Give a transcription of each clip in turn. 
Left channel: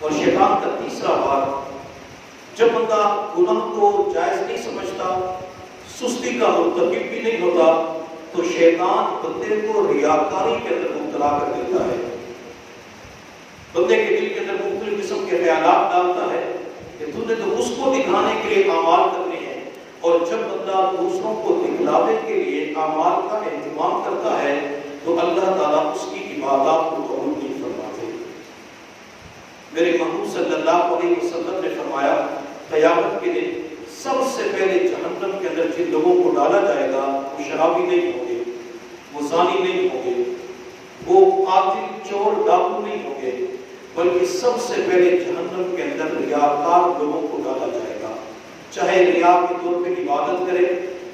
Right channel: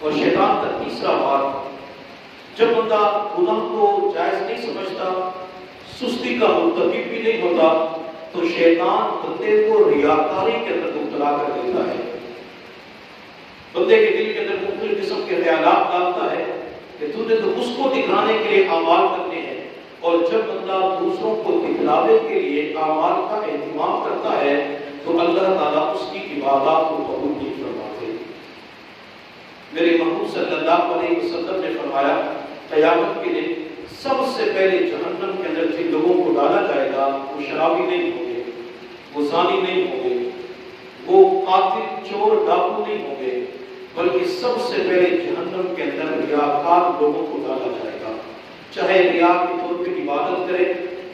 اور شیطان کا تیسرا بات، جب بندہ گناہ کو جائز نہیں سمجھتا، سستی کا مرتکب بھی نہیں ہوتا، تو شیطان بندے کو ریاکاری کے اندر مبتلا کر دیتا ہے، بندے کے دل کے اندر مختلف قسم کے خیالات ڈالتا ہے کہ تو نے تو اس کو دکھانے کے لیے اعمال کرنے ہیں، اور جب بندہ دوسروں کو دکھلاوے کے لیے اعمال کا اہتمام کرتا ہے تو اللہ تعالیٰ اس کی عبادات کو قبول نہیں فرماتے۔ میرے محبوب صلی اللہ علیہ وسلم نے فرمایا قیامت کے دن سب سے پہلے جہنم کے اندر جن لوگوں کو ڈالا جائے گا وہ شرابی نہیں ہوں گے، وہ زانی نہیں ہوں گے، وہ قاتل چور ڈاکو نہیں ہوں گے، بلکہ سب سے پہلے جہنم کے اندر ریاکار لوگوں کو ڈالا جائے گا، چاہے ریا کے طور پہ عبادت کرے،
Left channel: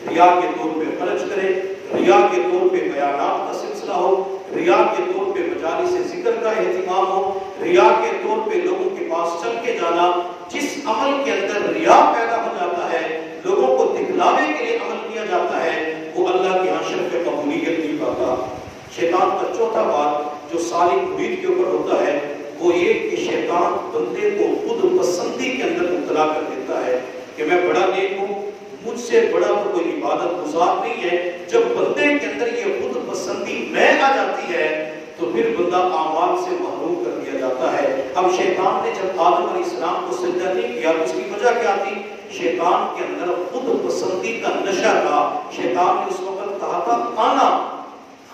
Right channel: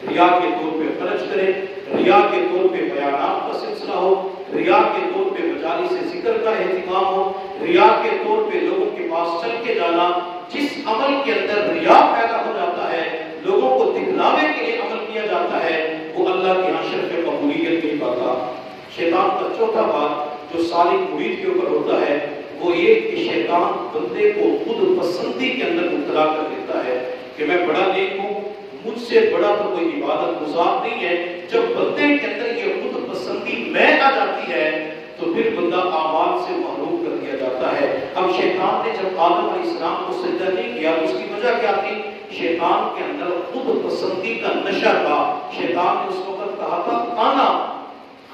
ریا کے طور پہ خرچ کرے، ریا کے طور پہ بیانات کا سلسلہ ہو، ریا کے طور پہ مجالس ذکر کا اہتمام ہو، ریا کے طور پہ لوگوں کے پاس چل کے جانا، جس عمل کے اندر ریا پیدا ہو جاتا ہے، لوگوں کو دکھلاوے کے لیے عمل کیا جاتا ہے، وہ اللہ کی شرف قبولیت نہیں پاتا۔ شیطان کا چوتھا بات جو صالح مرید کے اوپر ہوتا ہے وہ یہ کہ شیطان بندے کو خود پسندی کے اندر مبتلا کر دیتا ہے کہ میں بڑا نیک ہوں، مجھ سے بڑا تو کوئی عبادت گزار نہیں ہے۔ جب بندے کے اندر یہ خود پسندی میں آ جاتی ہے تو پھر بندہ اعمال سے محروم کر دیا جاتا ہے۔ اب شیطان نے جب آدم علیہ السلام کو سجدہ نہیں کیا تو اس کی وجہ کیا تھی؟ شیطان کے اندر خود پسندی کا نشہ تھا۔ شیطان نے اس وقت کہا تھا انا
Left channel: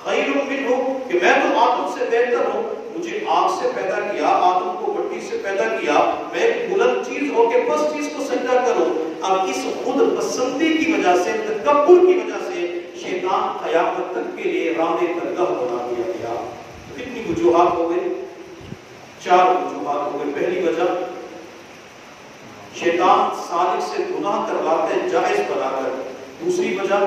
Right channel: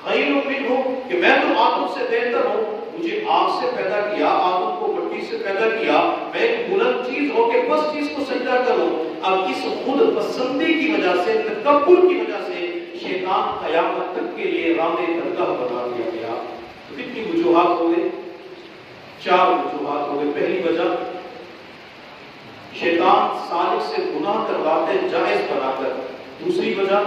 خیر منہ، کہ میں تو آدم سے بہتر ہوں، مجھے آگ سے پیدا کیا، آدم کو مٹی سے پیدا کیا، میں ایک بلند چیز ہو کے بس چیز کو سجدہ کروں۔ اب اس خود پسندی کی وجہ سے، تکبر کی وجہ سے شیطان قیامت تک کے لیے راندے درگاہ بنا دیا گیا۔ کتنی وجوہات ہو گئے؟ 4 وجوہات ہو گئے۔ پہلی وجہ شیطان صالح سے گناہ کرواتے جائز بنا کر۔ دوسری وجہ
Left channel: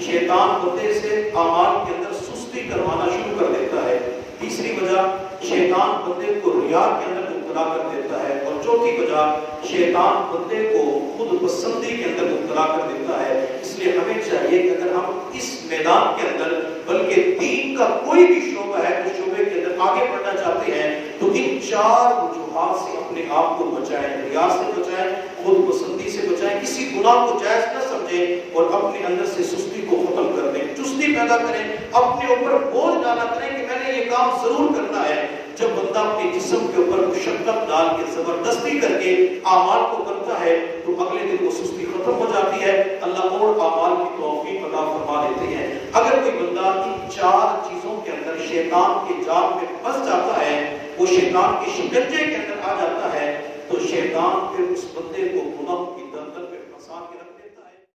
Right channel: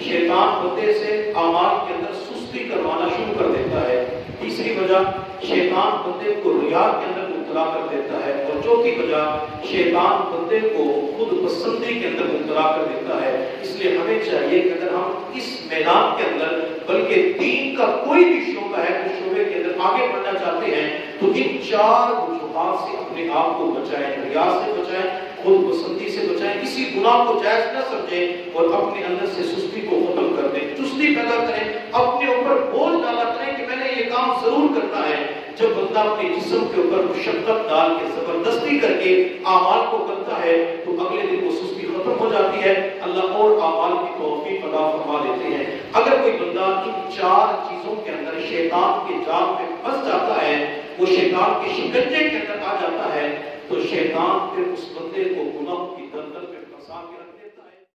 شیطان بندے سے اعمال کے اندر سستی کروانا شروع کر دیتا ہے۔ تیسری وجہ شیطان بندے کو ریا کے اندر مبتلا کر دیتا ہے، اور چوتھی وجہ شیطان بندے کو خود پسندی کے اندر مبتلا کر دیتا ہے۔ اس لیے ہمیں چاہیے کہ اگر ہم اس میدان کے اندر بلکہ دین کا کوئی بھی شعبہ ہے اس شعبے کے اندر آگے بڑھنا چاہتے ہیں تو ان 4 وجوہات سے اپنے آپ کو بچائیں، ریا سے بچائیں، خود پسندی سے بچائیں، کسی گناہ کو جائز نہ سمجھیں، اور اپنے اندر سے سستی کو ختم کر دیں، چستی پیدا کریں، اپنے اوپر بوجھ ڈالا کریں کہ میں نے یہ کام ضرور کرنا ہے۔ جب بندہ اپنے جسم کے اوپر مشقت ڈال کے زبردستی کر کے اعمال کو کرتا ہے تو اگلے دن وہ سستی ختم ہو جاتی ہے، اللہ اور اعمال کی توفیق عطا فرما دیتے ہیں۔ اگر کوئی بندہ ان 4 چیزوں کے اندر شیطان کے جال میں پھنس جاتا ہے، وہ شیطان کے شکنجے کے اندر آ جاتا ہے، تو شیطان پھر اس بندے کو گناہوں کی